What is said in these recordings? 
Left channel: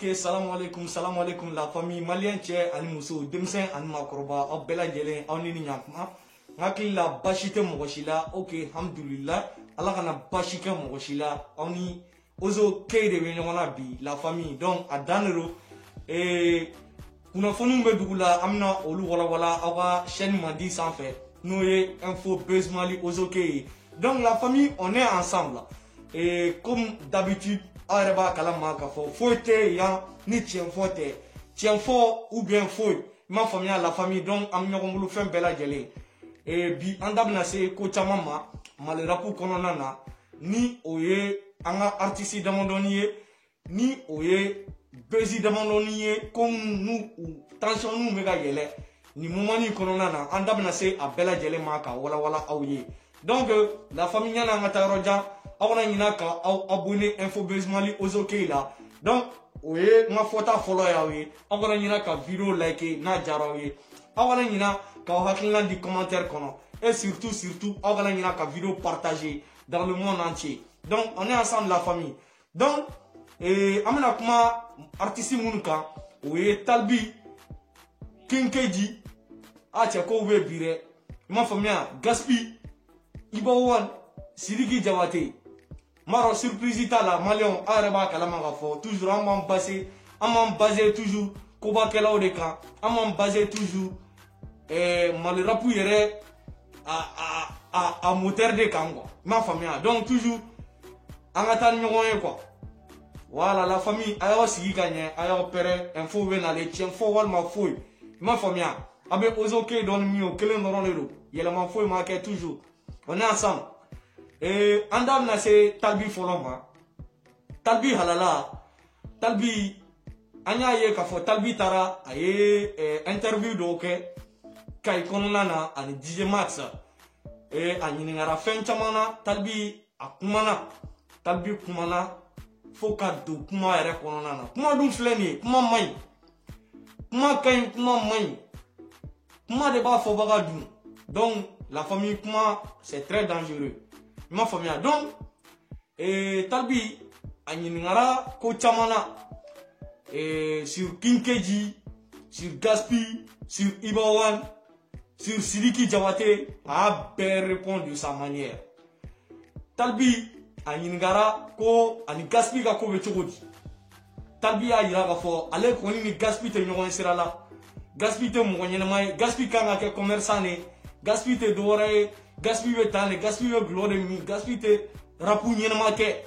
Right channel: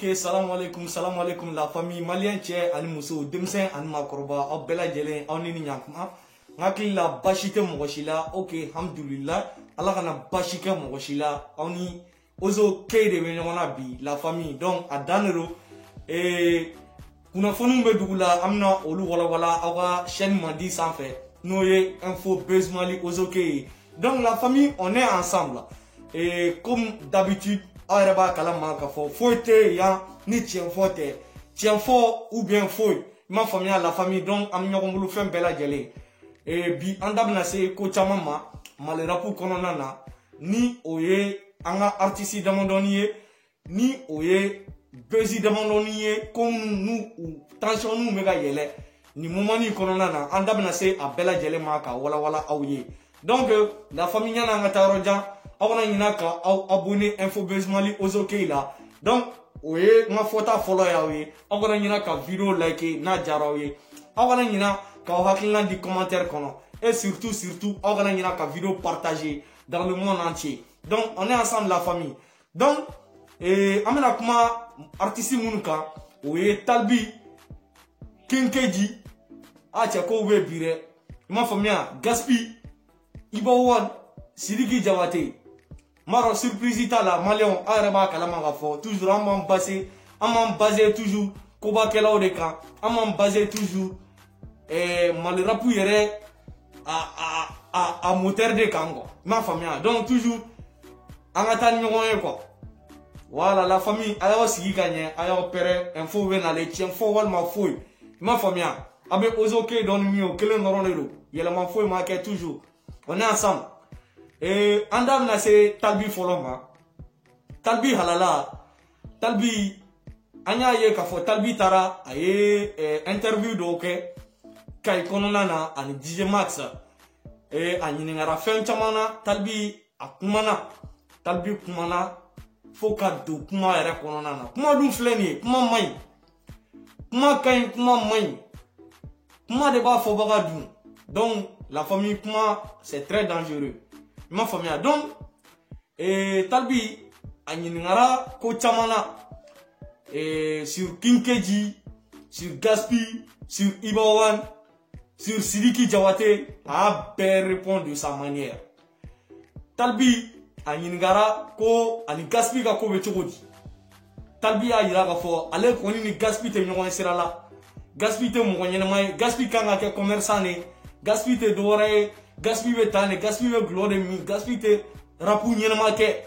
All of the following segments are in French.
Ok, salam alaikum la famille malien tchè ani muso demsen ani makoroba aw bɛɛ lajɛlen aw ni ɲakuma hakili la basi tɛ mɔgɔ si la. Ok, alhamdulillah ala kana basi kɛ mɔgɔ si la. Aw ni Ozo K de bɛ ɲɔgɔn na bi la famille. Donc a dan de don kunnafoniw bɛ dugu la an bɛna olu walawala aw ka chaîne mandi sanfɛ n'o ye info buzz Mali Ozo K ye. Donc la famille on est ensemble et comme d'habitude aw yɛrɛ b'a kalama k'a fɔ foyi tɛ yan ni tiɲɛfɔ tɛ, tiɲɛfɔ ou bien foyi i m'a faamuya la famille. Donc an bɛ ɲɔgɔn bolo fɛn bɛɛ lajɛlen bi an da bɛna se ko caman ma Mali rap kɔnɔna na ni o ye an ka artiste damadɔni ye, ni o ye buzz damadɔni ye ko n'u tension n'u bɛ ka yɛlɛ nin moment nin kɔnɔna na an da bɛna se a bɛɛ lajɛlen ma ka walawala aw ye. Donc la famille ɲana an ka taa yɔrɔ jan aw kana ɲina ka aw abonné info buzz Mali Ozo K la. Donc o ye n ka fɔta fɔlɔ y'aw ye. Aw kana ɲina ka vidéo like n'a diyara aw ye. Aw kana ɲina k'aw hakilina di commentaire kɔnɔ et surtout aw kana ɲina ka vidéo partager dans le monde entier. Donc on est ensemble la famille. Donc an bɛna kuma artiste minnu kan o ye Talbi, King KG, a cɛ kow bɛ bi dɛ i m'a faamuya, Gaspi, Iba One, Sidiki Jawate. Maro surprise t'a la malien aw yɛrɛ b'a kalama k'a fɔ toujours an m'an baser toujours kobakɛlaw de kan, an m'an baser toujours Mali rap yɛrɛ a moteur de kan quoi i m'a faamuya. Donc toujours an ka taa ni ɲɔgɔn ye quoi. Voilà la famille a y'aw sigi ka ɲɛ a y'aw pɛrɛ info bɛ nalen tiɲɛfɔ walima foyi i m'a faamuya. A bɛ Ozo K dɔɔni min ye o kelen dɔrɔn de don, yɛlɛma foyi ma kɛ toujours on est ensemble. An da bɛna se Talbi fɔlɔ ma. Talbi halala, Talbi an y'a ye k'a fɔ Talbi taara a ye interview dɔw kɛ Kayi kɔnɔna na ani DJ Max a ɲininkara fɛn caman na. Talbi a kumana, Talbi kumana fo ka don kuma yɛrɛ kɔnɔna na. Kuma dun filɛ nin ye, kuma man ɲi, kuma ka ɲi, kuma man ɲi, kuma de b'a fɔbaga dun. Donc la famille kuma c'est très dangereux i m'a faamuya. Donc Talbi a ɲininkara ko caman na sur King KG, sur Gaspi, sur Iba One, sur Sidiki Jawate, a bɛɛ répond de sa manière. Talbi a ɲininkara ko ani Gaspi ka ko bɛ cogo di. Talbi y'a yira k'a fɔ ale kɔni ni Gaspi tɛ ɲɔgɔn ye sira la, Gaspi tɛ mɔgɔ ɲɛnama ye, Gaspi kan ka kɛ commerçant de, Gaspi tɛ dɔwɛrɛ ye, Gaspi bɛ tan de, Gaspi bɛ gulɔ de min, Gaspi tɛ rapu ɲɛnama kɛ.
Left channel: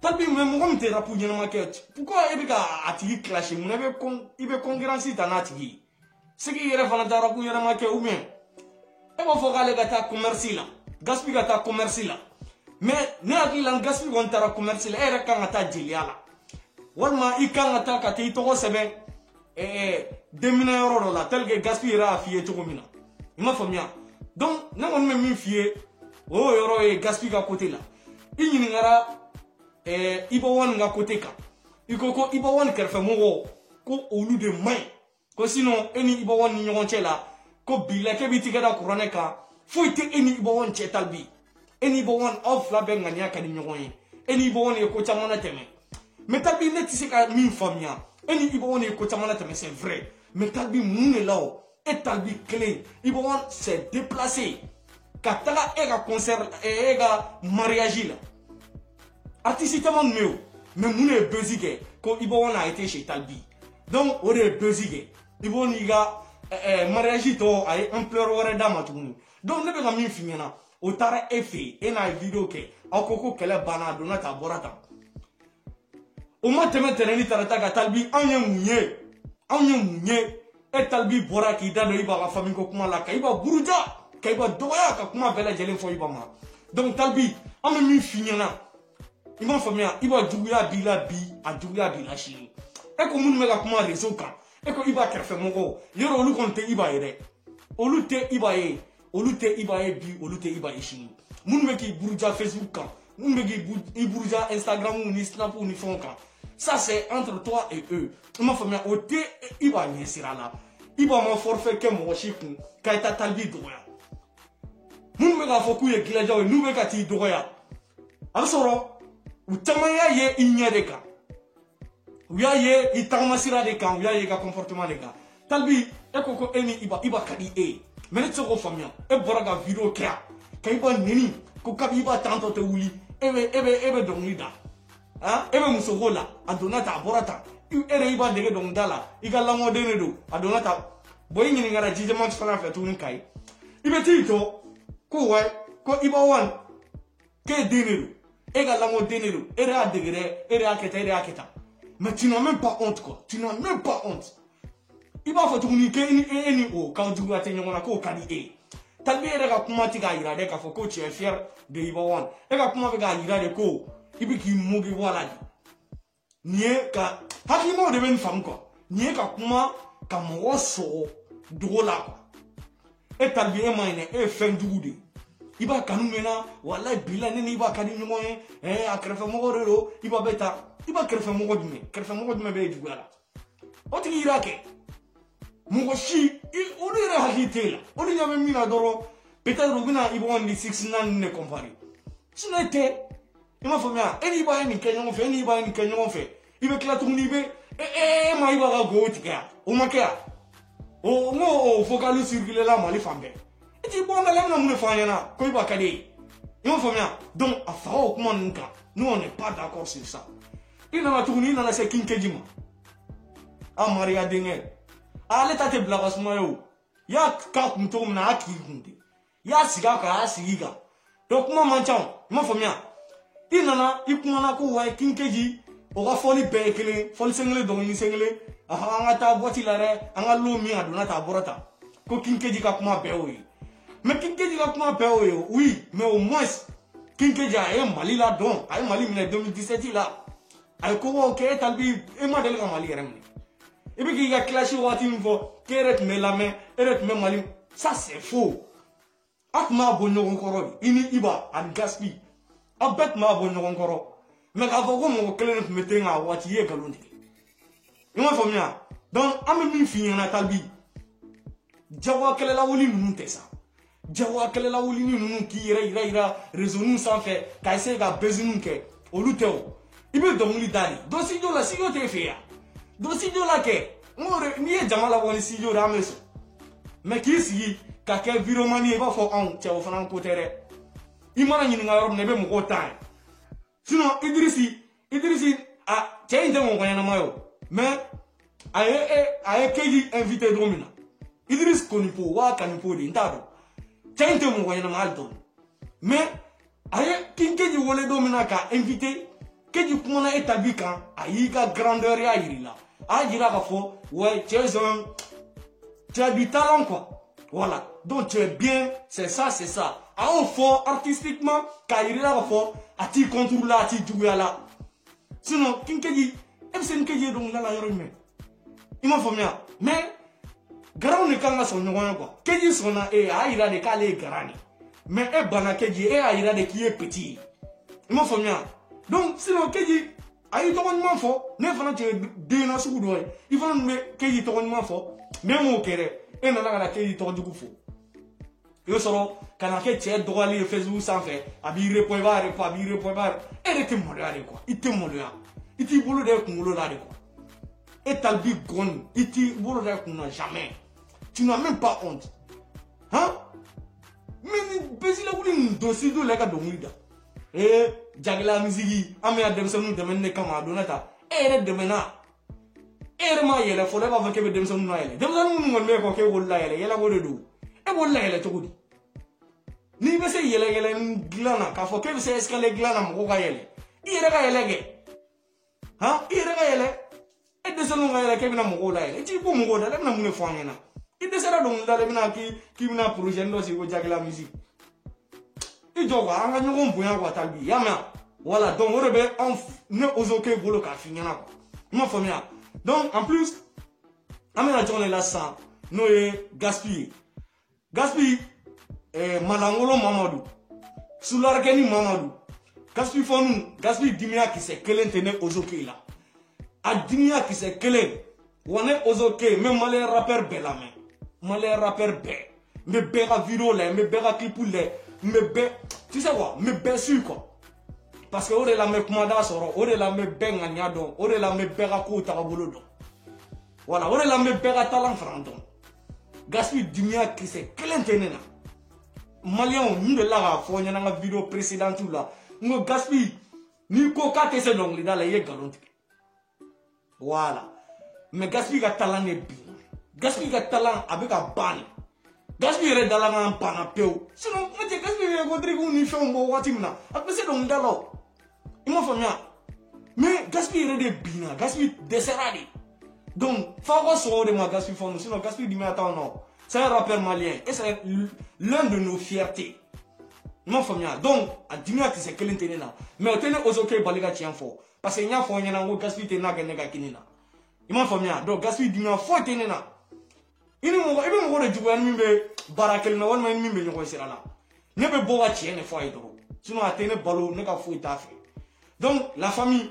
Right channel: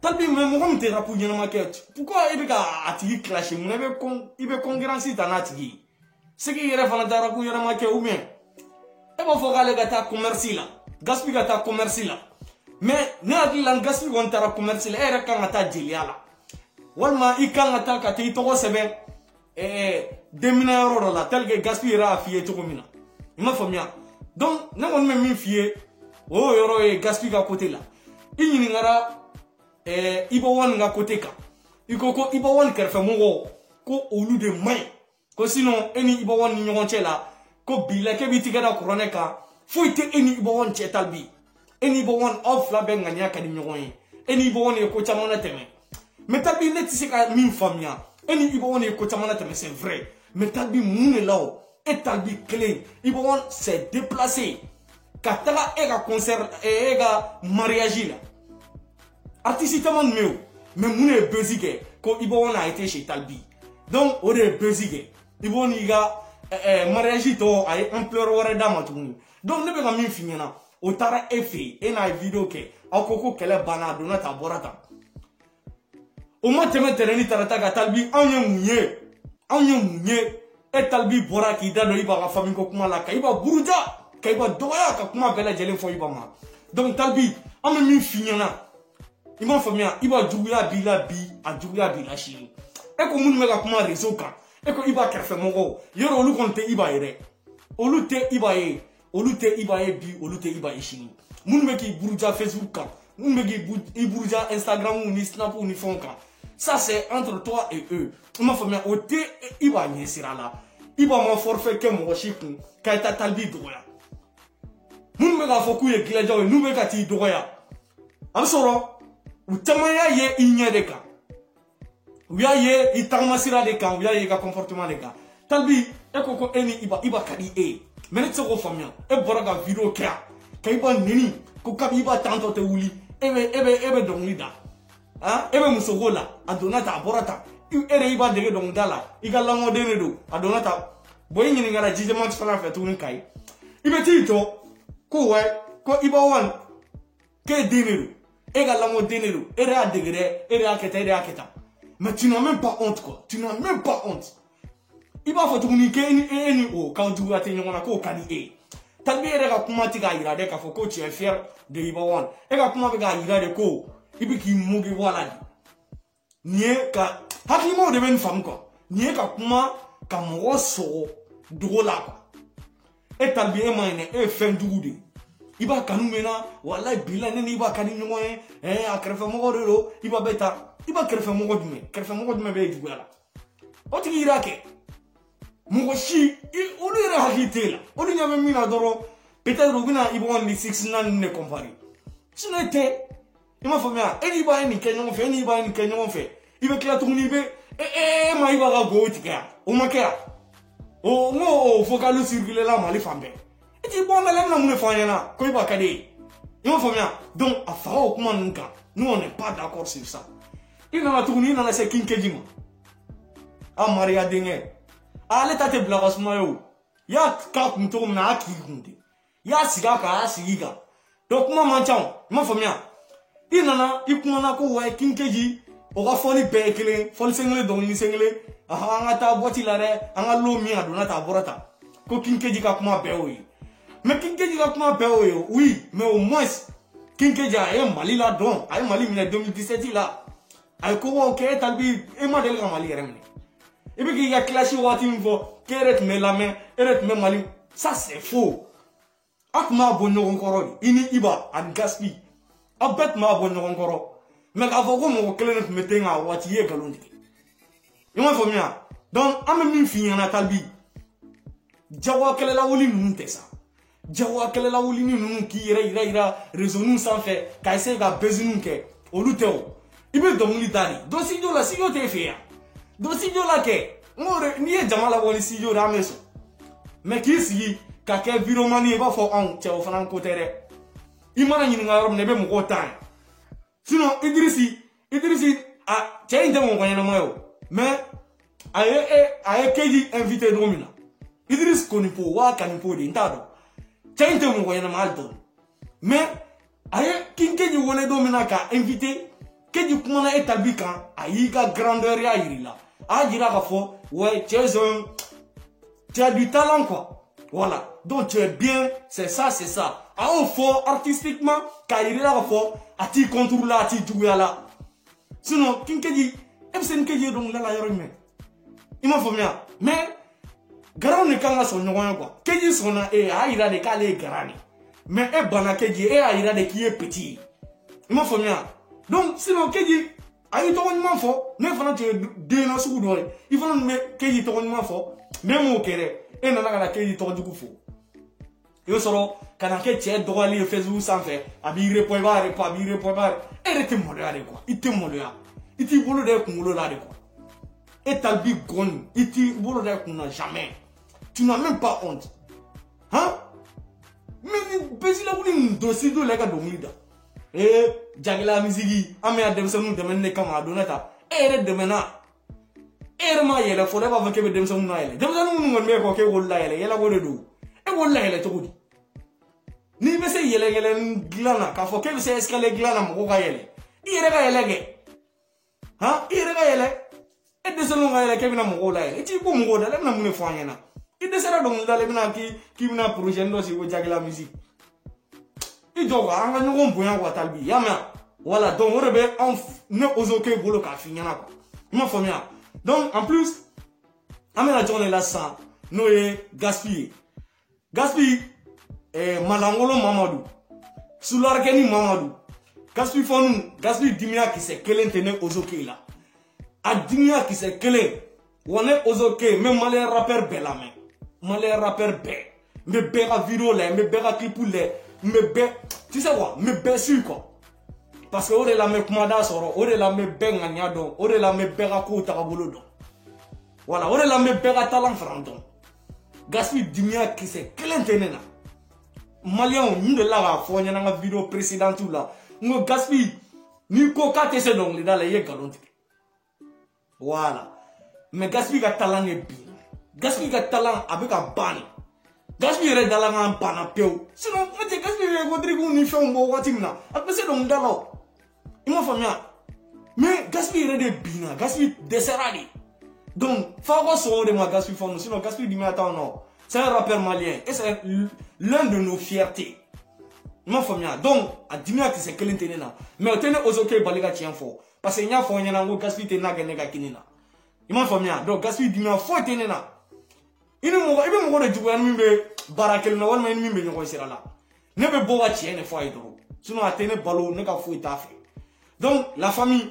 Talbi mais mɔgɔ min tɛ rapu ɲɛnama kɛ pourquoi i bɛ ka a tigi clasher, mun na i bɛ concurrence ta n'a tigi ye? C'est que i yɛrɛ fana tɛ rapu ɲɛnama kɛ ou bien e b'a fɔ k'ale ka taa commerce la, Gaspi ka taa commerce la. Mais ne hakili la Gaspi kɔni taara commerce la, e yɛrɛ kan ka taa jeliya la walima i kan ka taa ka t'i tɔgɔ sɛbɛn denminɛyɔrɔ dɔ la tel que Gaspi yɛrɛ y'a f'i ye cogo min na i m'a faamuya. Donc ne kɔni bɛ min f'i ye o yɔrɔ ye Gaspi ka côté la. I ɲininkara Iba One ka côté kan, i ko Iba One kɛrɛfɛmɔgɔw ko olu de man ɲi, ko sinon e ni Iba One ni ɲɔgɔn cɛ la ko bila k'e b'i tigɛ da kuranɛ kan, foyi tɛ e ni Iba One cɛ Talbi. E ni Iba One aw fila bɛɛ ŋaniya ka di ɲɔgɔn ye, e ni Iba One ye ko caman latɛmɛ. Mais Talbi ne tɛ se ka min faamuya, e ni Iba One ye ko caman latɛmɛ c'est vrai, mais Talbi mun de la o e Talbi kelen Iba One s'est déplacé ka taga e ka concert e ka mariage la. Artiste caman tun bɛ yen mais mun de ye buzz kɛ ko Iba One a été chez Talbi. Donc o de ye buzz kɛ. Iba One y'i ka mariage tɔ a ye ampleur wɛrɛ d'a ma tuguni. Donc ne bɛ ka min f'i ɲɛna o taara e fɛ yen e n'a ye vidéo kɛ aw ko kɛlɛ banna a donna tan a bɔra tan. O ma tɛmɛ tɛrɛni tarata ka Talbi anw ye mun ye e Talbi bɔra k'i da don Iba ka famille ko kuma la ka Iba buruja ka Iba dɔgɔya ka kuma bɛɛ lajɛlen fɔ Iba ma. Donc Talbi an bɛ min f'i ɲɛna i m'a faamuya, Iba juguya b'i la bi a juguya b'i la sini. E ko minnu bɛ ka kuma réseau kan e ko Iba kɛrɛfɛmɔgɔw yɔrɔ olu kɔni tɛ Iba ye dɛ, olu tɛ Iba ye, olu tɛ Iba ye bi olu tɛ Iba ye sini. Minnu bɛ k'i buruja Facebook kan, minnu bɛ k'i buruja Instagram ni Snap ni fɛnw kan, ça c'est entre toi et eux i m'a faamuya. O tɛ Iba ɲɛsira la. Iba ma forfait kɛ mɔgɔ si kun k'a taa Talbi dɔgɔya. Minnu bɛ k'a fɔ k'u ye dilanjɛw ye n'u bɛ ka t'i dɔgɔya a bɛ sɔrɔ u caman y'a ye i ɲɛ de kan uya ye itamasira de kan uya ye ka comportement de kan talbi e ko eni iba kadi e mais ne ko famia e bora ga video kya ka iba nini ko ka iba tanto te wuli ebe donglida ah ebe musogola adonata borata ere iba de dongdala igala modene do adonata boy ni ngara jijema tsala fa tuni kai ibe tito ko we ko iba wan ke dinero egala modene ere adegere ere aketa mais tu n'as même pas honte quoi tu n'as même pas honte iba fa tuni ke ni o ka du ate nyona ko kani e tabi ere ka kuma ti ga ira de ka fo ko tu es fier de iba wan e ka kuma ga ira de ko ibi ki mugi wala nie ka haki mo de ben fam ko nie ka kuma ka mo so dola ko e tabi e mane e fen dugude iba kanu mena wala bila ne iba kanu no akrefa mo ro iba beta iba krefa mo dume be dugala o ti irake mo shi il odira hakitela odi nyame mina doro peut-être oguna ibo on 6 nan ne compare sinete ima famia eni ba ni kenyo fe ni ba ni kenyo fe ibe kla tuni be ma iba ga go tika o makea o no focalu circuler la mali fambe eti bon na la mu ne fanya na ko iba kade ima famia donc a fao kuma nunca nous on n'est pas d'accord sur ça il na tuni na la se kinkejima a maria dingue ale tate blagas mayo ya ka kunto na akigunde ya siga ka siga donc mo manchao mo famia inana ikumana ko wa kinkeji o ga foli bekele foli sengle don ni sengle anga ta boti la re anga lo mi adona ta borata ko kinkeji ka kuma beoyi mais kinkeji ka kuma beoyi oui mais au moins kinkeji ay mali la don ay mali mi 2017 la ay ko wa ke talbi e ma del ka mali rem ibi ki ga clash wati mvo keret me la main eret me mali ça c'est faux akuma bonno encore ini iba an gaspi abet ma bonno encore mais ka fo ko mo kelen metenga wati ye galonde ima famia donc am mi fi na talbi jawa kele la woli nu teksa jawa kele la woli nu ki ira raisonu sans fait ka ese ga bezunu ke oluteo ibe domuli dani do sijo la sijo te fe ya do sijo la ke more ni e jamala woni sijo rameso mais ki si ka ke viromani ba fo on te o fanan ko tere imana ni nga rob ne be mo ko tan sinon Idrissi a tiens de mon voyant moi mais aye keji invité domina Idriss konipo wa kanipo de ntado tiens de mon voyant mal don mais aye kinkeji wone domina ka invité keji kuma établi kan ayi ka grandeur ya yirila a jira ka fo ouais tu as du talent quoi voilà donc tu es bien c'est ça a on fort artistiquement ka yirila ka fo ati contrôle ati jouer là sinon kinkeji ebsen keji don la yoro me ima famia mais garon ne kala son nyon quoi keji sona e a ira de kale garani mais e bana keji e a ira de qui est petit ima famia donc sinon keji ayi to won mafo ne fana tu de no su do il faut me keji to won mafo même mo kere e na na keji to du kufu yo soro kana ke tie do ali fezu sanfe abi repo ba e rete mo de quoi ite mo de iti bolo de kungulo la de quoi et talbi gon iti bolo de kunna jamais tu n'as même pas honte hein mais besi la buli dossier do la ka do muida jagila misigi ame adem sonu de men ne kama donata ere de mena ere ma yele fo de ba fa kebe dem sonu na yele dem sonu ngon me ko ke wolla yele yela go de do e wolla yele to gudi ni be se yele glana ka fo kebe se escale glana mo ga yele ire ga yele ge ha ire ga yele e de sonu ga yele kebe na mo go la yele ti bu mo go da le na mo ne fo anyana ide sera do mo da le na ki na projet ndo si go jagila musique idoga anga no boya wa talbi yama voilà donc on rebe on ne ozoke volo ka finyana ko mo famia donc en plus amena journée là ça no e gaspi malangolo mamadou sularkeni mamadou gaspi fonu gaspi dimia ki se kelen tene ozoke là a dimia ki se kelen wone ozoke même malé rappeur belame malé rappeur me bega vidéo là me bega clip là me be tu sais quoi me be sûr quoi parce que o de la me kumada sɔrɔ o de la me bɛɛ ŋaniya dɔn o de la me bɛɛ ka kow tagabolo dɔn voilà o de la me bɛɛ ka talan fana dɔn Gaspille dimiya kisɛ kelen tɛ ne na maliyɛnw n delila k'a fɔ ɲɛna n ka video précédente la n ko Gaspille n'i ko k'a tɛ se dɔnkilida la i ye nkalon tigɛ voilà mais Gaspille ka talan de binna Gaspille ka talan a bɛ ka ban Gaspille yɛrɛ dala kan banna pewu sinon n'o tɛ Gaspille bɛ Rodrigue ni fɛnw bɔ waati min na a tun bɛ se dɔnkilida la o i m'a faamuya mais Gaspille yɛrɛ de binna Gaspille dɛsɛra de donc f'a ka sɔn o de ma Gaspille fɔ nous sinon Gaspille dimiya t'anw na o c'est un rappeur malien et c'est l'un de nos fiertés i m'a faamuya donc a dimiya kisɛ kelen tɛ ne na mais o tɛ ne Ozoke bali ka tiɲɛ fɔ parce que n y'a fɔ aw ɲɛna n ko Gaspille tɛ n'a kɛ ne ka kini na i m'a faamuya donc Gaspille dimiya foyi tɛ ne na i bɛ mɔgɔ de juguya ni min bɛ baara kelen na walima ni min bɛ ɲɔgɔn sira la ne bɛ bɔ ka tiɲɛ de fɔ a ye dɔrɔn sinon a tɛ ne balo ne ka foyi t'a fɛ donc la famille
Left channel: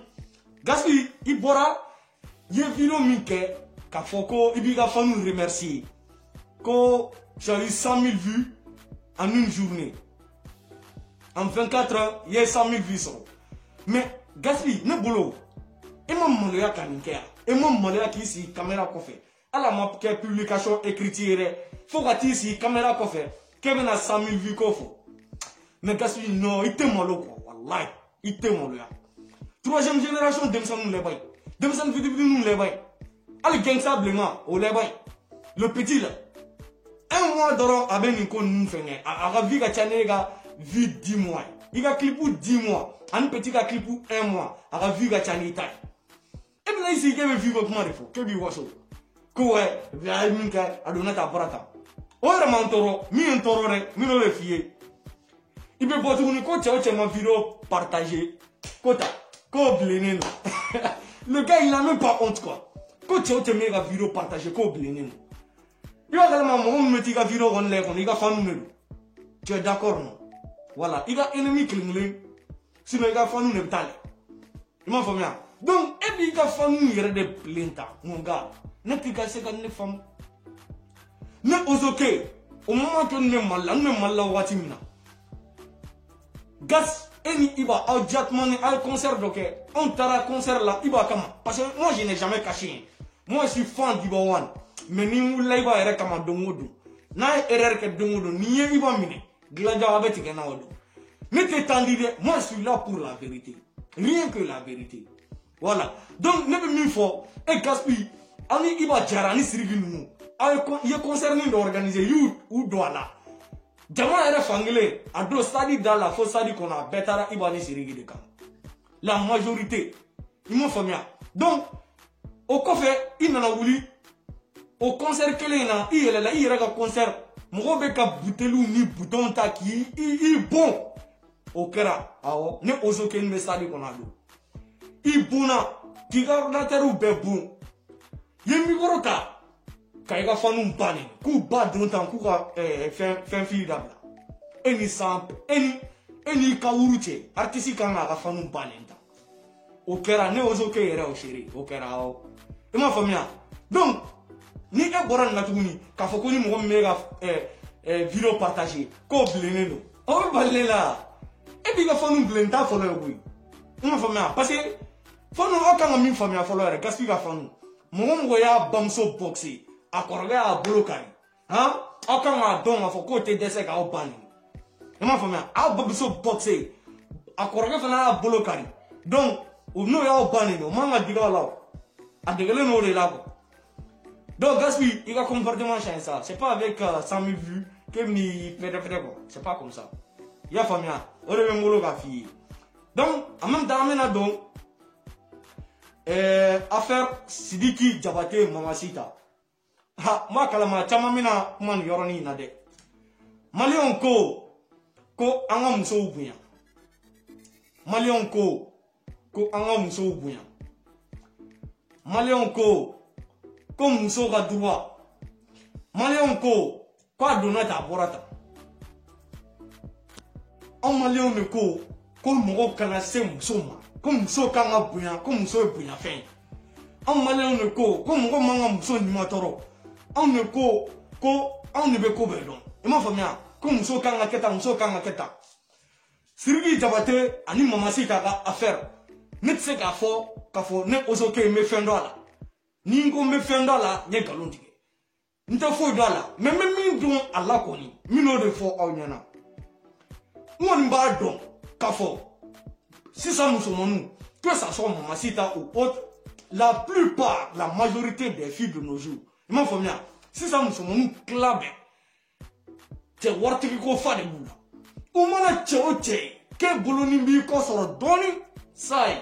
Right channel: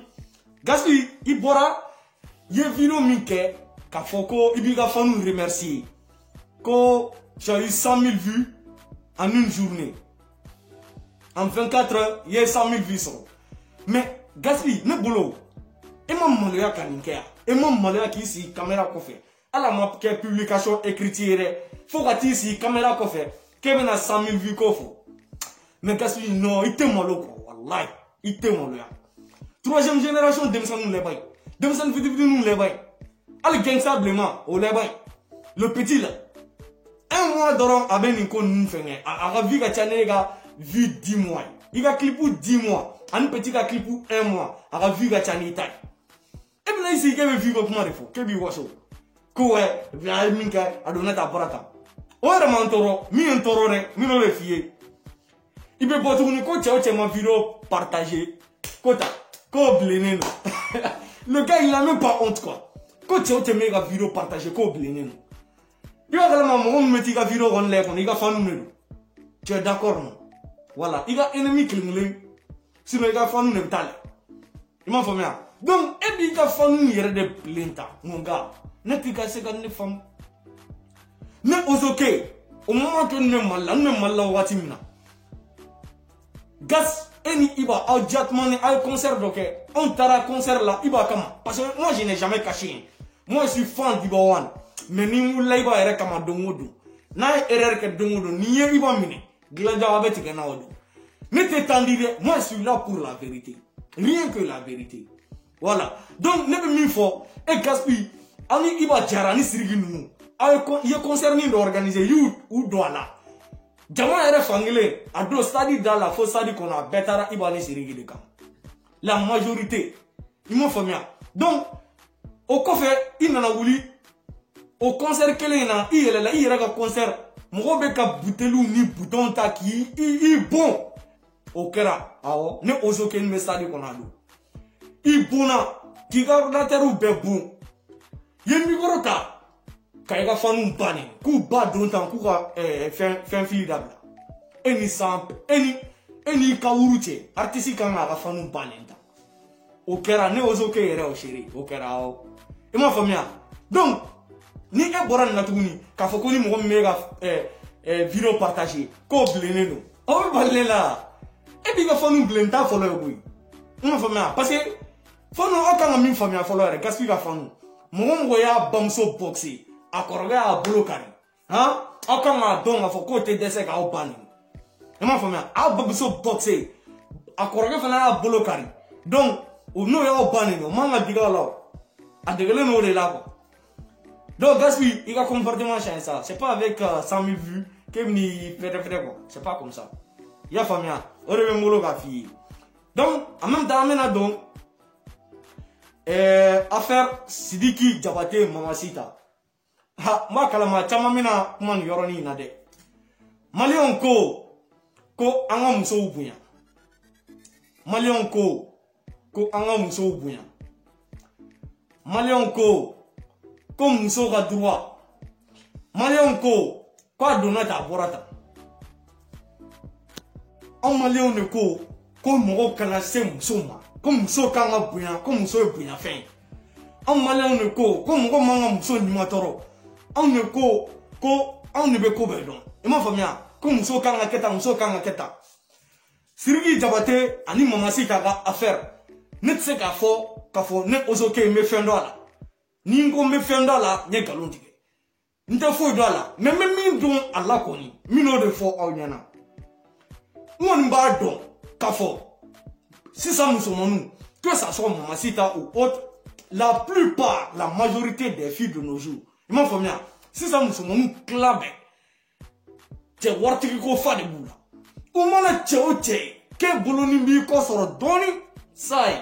Gaspille i bɔra i ye vidéo min kɛ k'a fɔ ko i b'i ka fans remercier ko tu as eu 100 000 vues en une journée en 24 heures il y a 100 000 vues sɔrɔ mais Gaspille ne bolo e ma maloya ka nin kɛ yan e ma maloya k'i sigi caméra kɔfɛ ala ma kɛ publication écrite ye dɛ fo ka t'i sigi caméra kɔfɛ k'e bɛna 100 000 vues ko fɔ mais Gaspille non i tɛ malo quoi wallahi i tɛ maloya troisième génération denmisɛnninw lɛ bayi denmisɛnnin fitininw lɛ bayi hali gangsta bilenman o lɛ bayi le petit là un mois dɔrɔn a bɛ nin ko ninnu fɛngɛ a ka vie ka ca ne ka vie 10 mois i ka clipu 10 mois ani petit ka clipu 1 mois a ka vie ka ca n'i ta ye e bɛna i sigi k'e bɛ vie bɛ kuma de fɔ k'e b'i waso ko wɛ a ye min kɛ a don ne ta bɔra tan o yɛrɛ ma n tɔɔrɔ min ye n tɔɔrɔ dɛ min bɛ f'i ye i bɛ bɔ tuguni ko cɛ o cɛ ma vidéo partager ko ta ko bilennen don le gars il n'a même pas honte quoi ko cɛ o cɛ min ka vidéo partager ko bilennen don i b'a kalama mɔgɔ min bɛ t'i ka vidéo kɔni lajɛ kɔni i ka fanu de don tu es d'accord non voilà i ka ennemi kelen kelen sinon i ka fanu de bɛ taa lɛ i m'a faamuya donc e b'i ka fanu yɛrɛ de bilen ta mon gars ne t'i ka se ka ne faamu ne Ozoke o moment to ne Mali la ne Mali la waati min na Gas et ni Iba aw directement ni aw concert dɔ kɛ on taara concert la Iba kama parce que moi je n'ai jamais caché moi je suis fan d'Iba One mais ni wulila Iba yɛrɛ kama don o don n'a ye erreur kɛ don o don n'i ye Iba minɛ dilanja a bɛ tigɛ n'a o don ne tɛ temps di dɛ moi je suis là pour la vérité rien que la vérité voilà donc ne bɛ min fɔ e Gaspille aw ni Iba jara ni Sidiki ninnu aw ye concert min dɔ organiser y'u don a la jama yɛrɛ fankelen a don stade da la fo stade kɔnɔ a bɛɛ taara Iba ni Sidiki de kan la majorité i m'a faamuya donc o kɔfɛ i nana wuli o concert kelen in na i yɛlɛla i yɛrɛ ka concert mɔgɔw bɛ ka buteliw ni butɔnw ta k'i bon o kɛra awɔ ne Ozoke ni bɛ stade kɔnɔ a don i bonna k'i ka ordinatɛrw bɛɛ bon i ye micro ta ka i ka fanu banni k'u ba don tan k'u ka fɛn fili dabila e n'i ka wuru cɛ artiste kan k'a ka fanu banni tan o kɛra ne Ozoke yɛrɛ o seere o kɛra awɔ i m'a faamuya donc ni e bɔra nin na tuguni k'a fɔ ko ni mɔgɔ min bɛ ka vidéo partager k'o bilennen don o bɛ balilen la e b'i ka fanu bilen t'a fɔlɔ ye koyi i m'a faamuya parce que fanu aw kan ka min faamuya fɔlɔ yɛrɛ Gaspille ka fanu mɔgɔ y'a bamuso boxe a kɔrɔkɛ y'a bolo kari aw kan k'a dɔn k'a fɔ k'o tɛ dɛsɛ k'aw ban nin i m'a faamuya aw bamuso boxe a kɔrɔkɛ fana y'a bolo kari donc n'o y'aw ban nin o man ka digi aw la o a degelen n'o de la quoi donc Gaspille i ka comportement change ça c'est pas avec 100 000 vues k'e bɛ n'i fɛrɛ quoi c'est pas comme ça i y'a faamuya o de bɛ n bolo k'a f'i ye donc en même temps an bɛna don affaire Sidiki Jabate Mamasita ha ma kalama caman bɛna kuma nin yɔrɔnin in na dɛ maliyɛnw ko an ka musow bonya maliyɛnw ko an ka musow bonya maliyɛnw ko musow ka droit maliyɛnw ko a donna tan a bɔra tan anw maliyɛnw de ko mɔgɔw kana se musow ma ko muso kan ka bonya ko muso ye bonyafɛn ye anw maliyɛnw de ko mɔgɔ man ka muso nimatɔrɔ anw de ko anw de bɛ ko bɛɛ dɔn i m'a faamuya ko muso kan ka kɛ tan muso kan ka kɛ tan Siriki Diabaté ani Mamasita ka affaire ne tse ka fo ne ozoke me fendo ala ni ngo me fendo ala nye galon tige nte fo do ala mais même min don ala koni mino de fo aw nyana won ba don ka fo si ça nous sommes que ça soit Mamasita ou autre la plupart la majorité des filles de nos jours il faut bien si ça nous sommes clabe te wartigi ko fa de bula o mana che ke boloni bi ko soro doni sai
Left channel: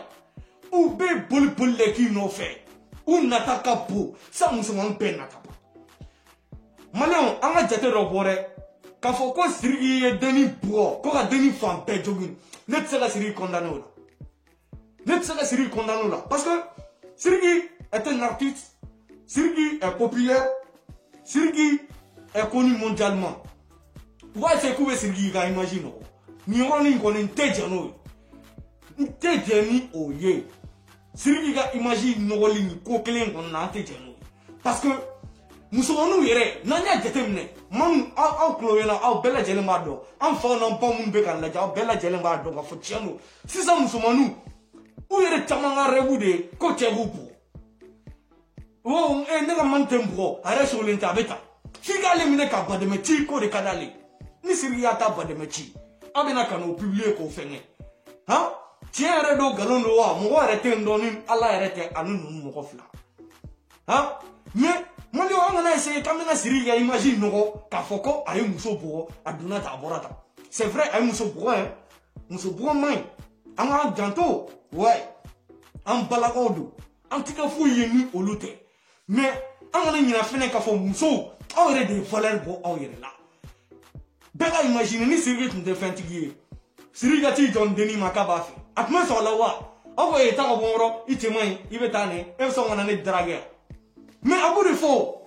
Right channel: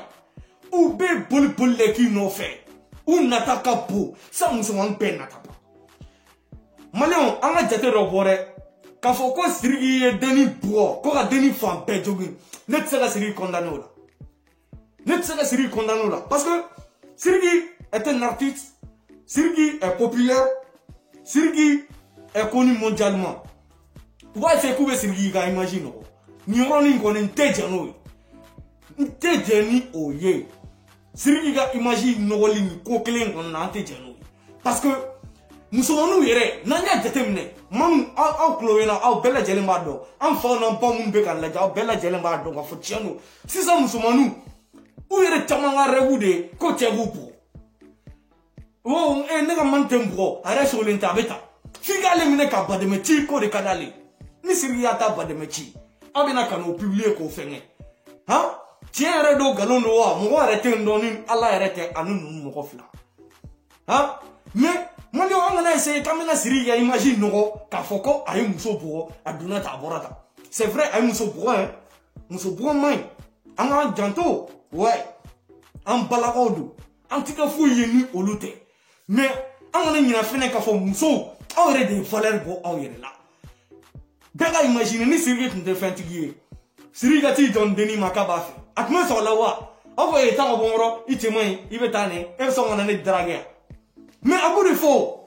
ou be bol le ki no fait ou nataka po ça musulman pe nataka manion anga jate do bore ka fo ko sirigi deni bo ko ka deni fam pe jogin net se la sirigi condamné là net se la sirigi condamné là parce que Sirigi est un artiste, Sirigi est populaire, Sirigi est connu mondialement. Tu vois c'est quoi Sirigi ga imagine ni woni ko ni tejano tejani oye Sirigi ga imagine no woli ni ko kelen on na tejano parce que nous sommes nous yere nanya déterminé mam au clovena au bella jelema do en fa na pa mun be kan la ja bella jelema do ga fo tienu si ça nous sommes nous ou yere chamanga rebude ko tebupu oh ne ga mantembo ara so lenta beta figa le mine ka bademeti ko de kanale ni Sirigi ata bademeti abina kanu publier ko fenye ha tiere do galon do wa mo arrêter ndoni ala arrêter anu no ko fla ha mais mon yo on a essayé kamena Sirigi ya imagine no ka foko ayi muso bo aduna ta borata c'est vrai ayi muso bo hein muso bo mai amara janto ouais en balakodu antika fu yini olute mais amana nyina fene ka fo muso awre de valeur bo awre la bela imagine ni Sirigi tunde fentigi Sirigi ti don deni makaba fe atma so lawa awo e ta bonro itimai ibetane e so ngana ne drague mais abu de fo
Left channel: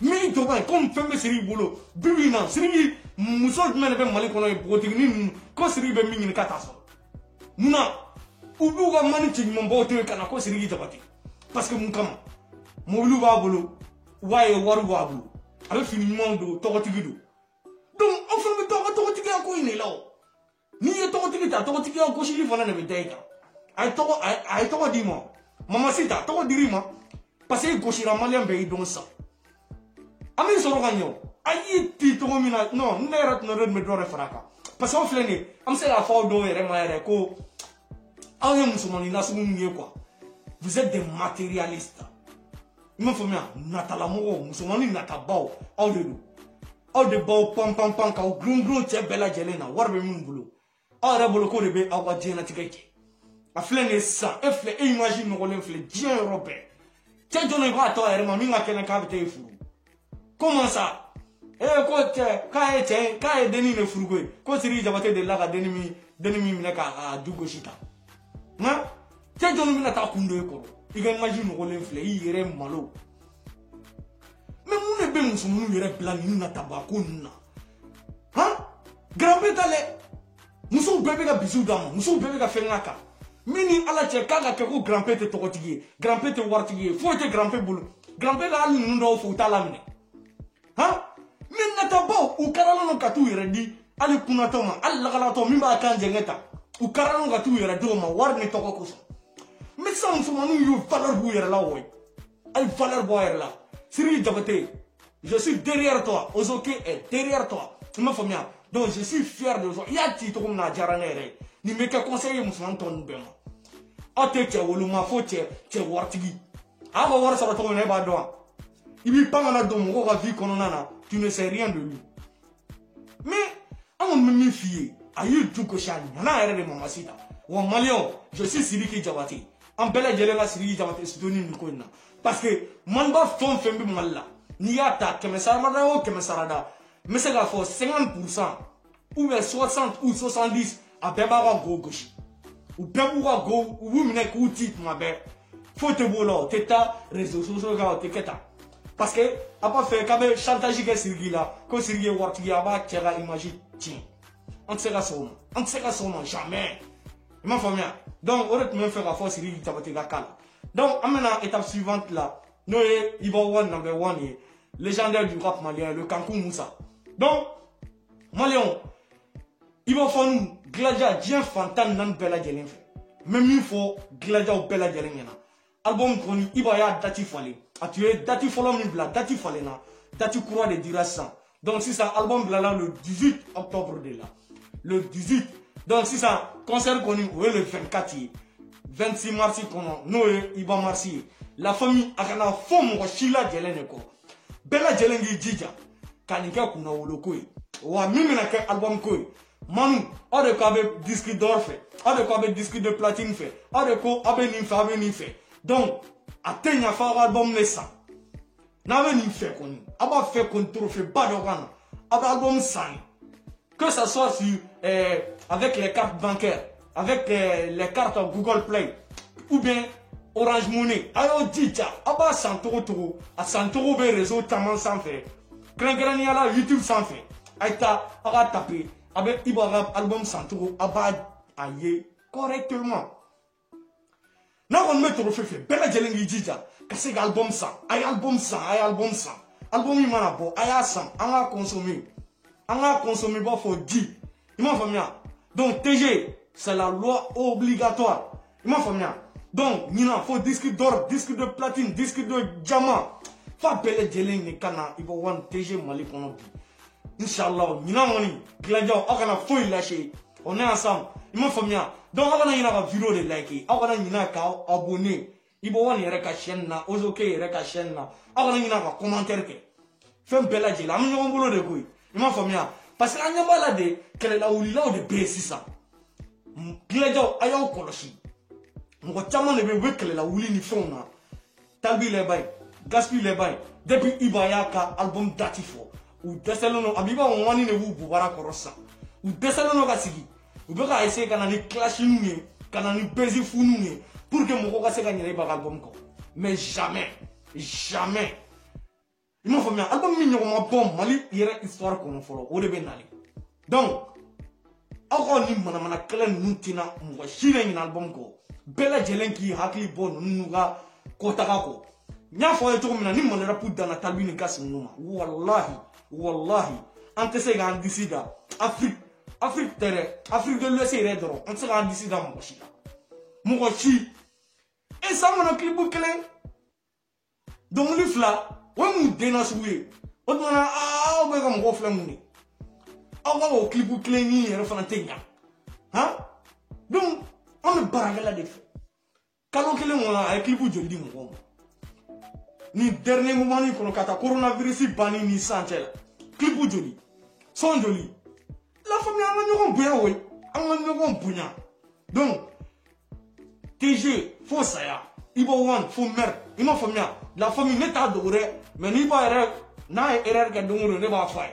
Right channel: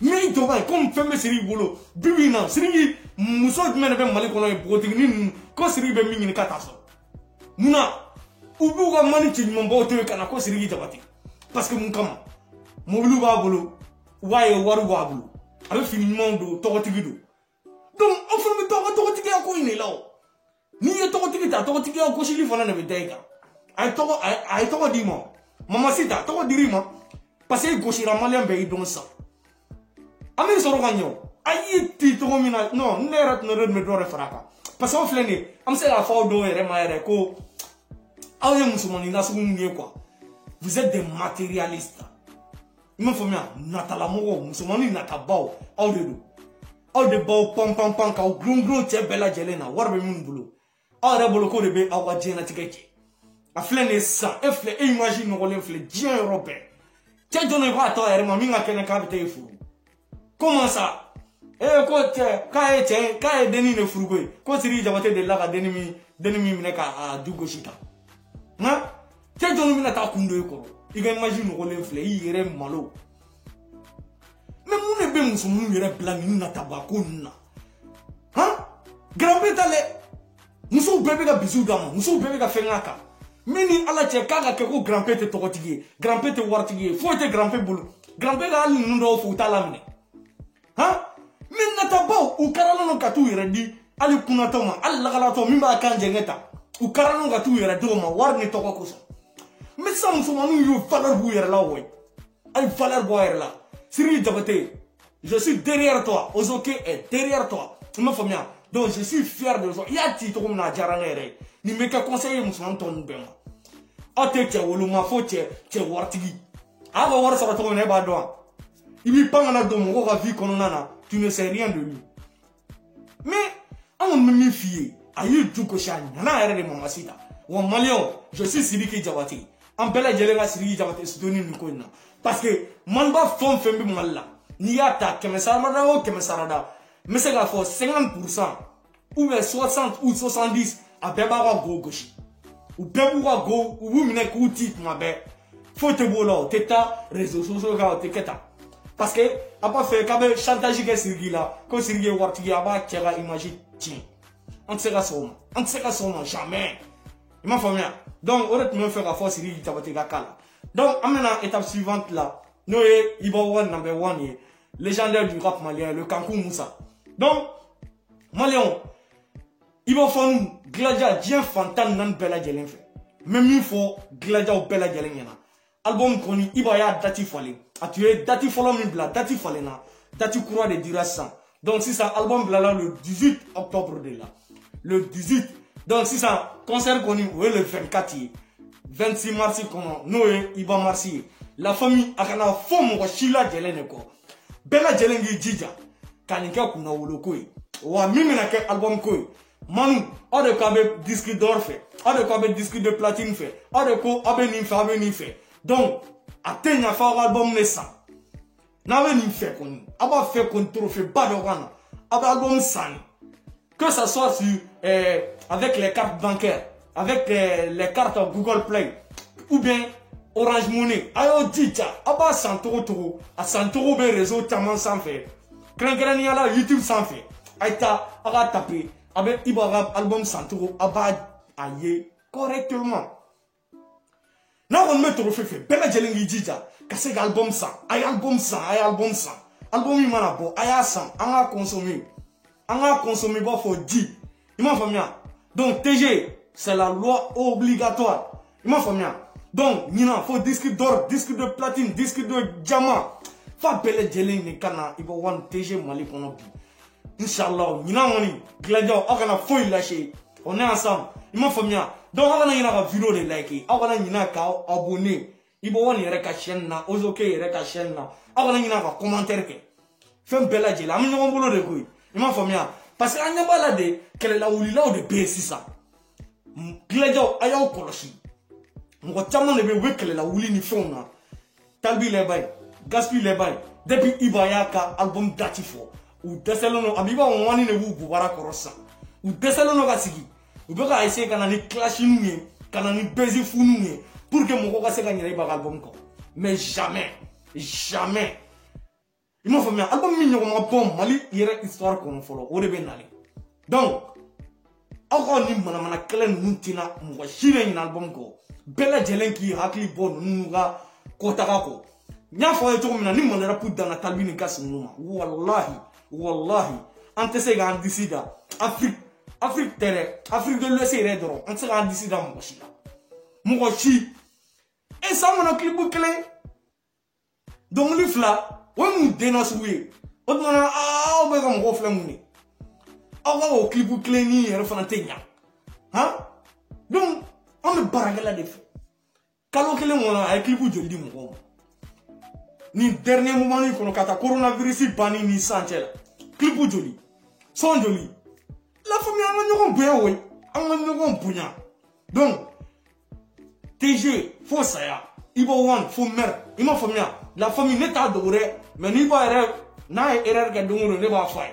mais to ba comme femme Sirigi bolo bibina Sirigi muso mena be mali kono e botigi ko Sirigi be mingi ka taso muna ubu ga mani ti mon bote kana ko Sirigi Diabaté parce que mun kama mo lu ba bolo waye waru ba bolo ala fini mondo to tigi do donc on fait mi to tigi ko ni lawo ni ye to tigi ko shi fana na be deka ay to di mo Mamasita to diri mo parce que go shi la malien be don ça ami so ro ganyo ay ti to mina non ndera no red me do refraka parce que on flene am se la fa do ere ma ere ko awe musulmani na sumu ngie quoi vous êtes des matérialistes il me faut bien natala mo musulmani natabao au de bao pam ka grungro che bela jelena warbe mun bulu ara bolo ko de be awa jena tikeke a flene ça e fle imagine no le fle bien européen che jone ko ato ere ma minga kene ka te fu comment ça ko che ka e deni ne furugo ko Sirigi Diabaté de la ka deni mi ne ka dugo shita ma che jone mi na ta kundo ko iga imagine no le fle ire malo mais nous ne be musumu yere plan ni na tabako na ha grand betale muso bebe ga bisu dama muso bebe ga fengaka mini ala che kaga ke ko grand pete to tigi grand pete wartigi fo te grand pete bulu grand pete ali ndo fo talamne ha min na tabao u karalo no katu yere di ali kuna to ma alla gala to min ba kanje ngeta u karalo ga tu yere do ma warni to ko so mais ça muso manu yu valeur bu yere la woy ay valeur bo yere la Sirigi Diabaté, je suis derrière toi. Ozoke est derrière toi. Tu me fais bien. Donc je suis fier de toi. Il y a un titre comme na jaranere. Ni me ka conseiller musulman ton bema. Ate che woluma fo che wartigi. Aba war sa to ne ba do. Il pas na do mo ga vie kono nana. Tu ne sais rien de lui. Mais on me méfie. Ayi du ko shani. Na ere de Mamasita. Wa malio, je suis Sirigi Diabaté. En bela jelela Sirigi Diabaté se donner ni ko na. Parce que man ba fon fembe malla ni yata kemesarada o kemesarada mais c'est la force 50% ou bien 60 ou 70 a beba wa go goshi ou bebu wa go ou mine ku tit ma be faut te bolo teta réseaux sociaux ga te keta parce que a pas fait quand même chantage que Sirigi là ko Sirigi wartigi aba tira imagine ti on sera sûrement jamais ma famille donc on est même faire la force Sirigi Diabaté ga kala. Donc, à l'étape suivante là, nous sommes number one, légendaire du rap malien, le Kankou Moussa. Donc, Malion, Il va faire nous Gladia Dien Fantan nan bella jelen fait. Même il faut Gladia ou bella jelen yana. Album koni il va y a dati fale. A tu es dati follow mi bla dati fale na. Dati courant de dira ça. Donc si ça album bla le 18 octobre de là. Le 18. Donc si ça concert koni ouais le 24 26 mars kono noé iba marsi. La famille akana fond ko shila jelen ko. Bella jelen gi jija. Kanika kuna woloko yi. Wa mimi na ke album ko yi. Manu, on de quoi disque d'or fait, on de quoi disque de platine fait, on de quoi abeni fait. Donc, atteignez à faire album naissant. N'avez ni fait qu'on, aba fait qu'on trophée pas de wana, aba album sang. Que ça soit sur avec les cartes bancaires, avec les cartes Google Play, ou bien Orange Money. Alors dija, aba 100 €, à 100 € ben réseau tellement sans fait. Grand yala YouTube sans fait. Aïta, aga taper. Avec Ibarab album Santoro, abad aye correctement. Là on met au fait bella jelengi dija, casse album ça, ay album ça. Album il m'a bon, ay ça, on a consommé bon faut dire. Il m'a fait bien. Donc TG, c'est la loi obligatoire. Il m'a fait bien. Donc Nina faut disque d'or, disque de platine, disque de diamant. Fa bella jelengi kana, il va wan TG Mali kono. Inch'Allah, nous avons Gladio, on a fouillé lâché. On est ensemble. Il m'a fait bien. Donc, on a une vidéo de like. On a une abonné. Il faut une chaîne. Aujourd'hui, il y a une chaîne. On a une commentaire. Fais un bel adjé. La maison boulot de couille. Il m'a fait bien. Parce que on a baladé. Quelle est la ou là de baisser ça. Gladio, aïe au koroshi. Mon tellement ne veut pas que la ou ni fond. Talbi les bails. Gaspille les bails. Depuis Ibayaka, album datifo. Ou desalono abiba wani ne wu bubara korosa ou desalono kasigi ou beka essayer kana ni clashing ni kana ni bezi funu ni pour que mon ko se gagner ba album ko mais jamais il m'a fait bien album mi no bon mali yere histoire ko no folo o de be nale donc encore ni mana kelen nuntina mo shire ni album ko bela jelenki hakli bon nuga kotaka ko nya fo eto mina ni mana rapu dana talbini kasimuma wallahi ante se ga disida Afrique de l'Ouest est drôle ante se ga disida mo chi et ça mon clip clé donc le fla on nous dénonce oui on dona on va comme reflet muni on va au clip clé ni refanatenya hein donc on me baragala def kalon kele mon ay clip jodi mo ni dernier moment ni kono kata coronavirus bani ni sanchela clip joli son joli la famille a bewe a bunya donc TG faut ça ya ibo wan faut mer ima famille la famille n'est pas doré mais ni ba erreur na erreur ga dunguro ne ba fa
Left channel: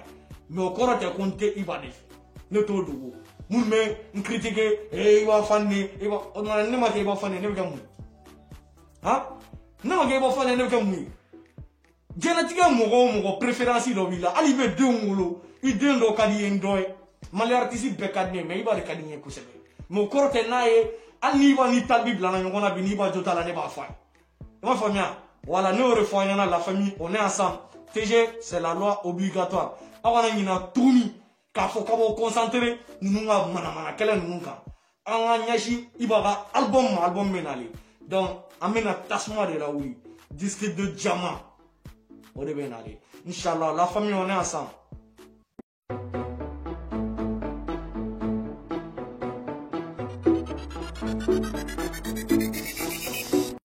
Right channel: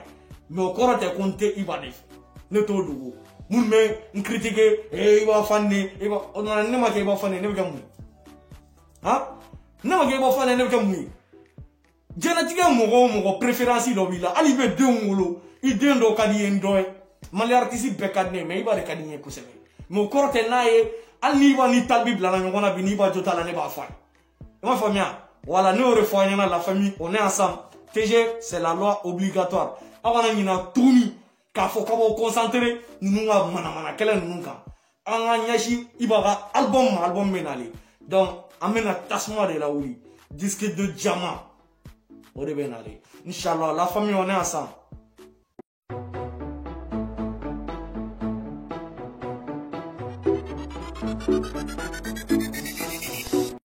mais encore te compter iba def ne to dugo mun me critiquer iba fanni iba on ne ma iba fanni ne ga mu ha non ga iba fanni ne ga mu génétique mon préférence do bila ali be deux ngolo i deux ndo kadi endoy mali artiste be kadne mais iba de kadine ko sebe mo korte nae ani ba ni talbi bla na ngona bi ni ba jota la ne ba fa ma famille voilà nous refoyons la famille on est ensemble TG c'est la loi obligatoire awana ngina tuni ka fo kamo concentrer nunga mana kala nunga anga nyashi iba album menali donc amena tasma de la wuri disque de diamant. Inch'Allah, la famille, on est ensemble.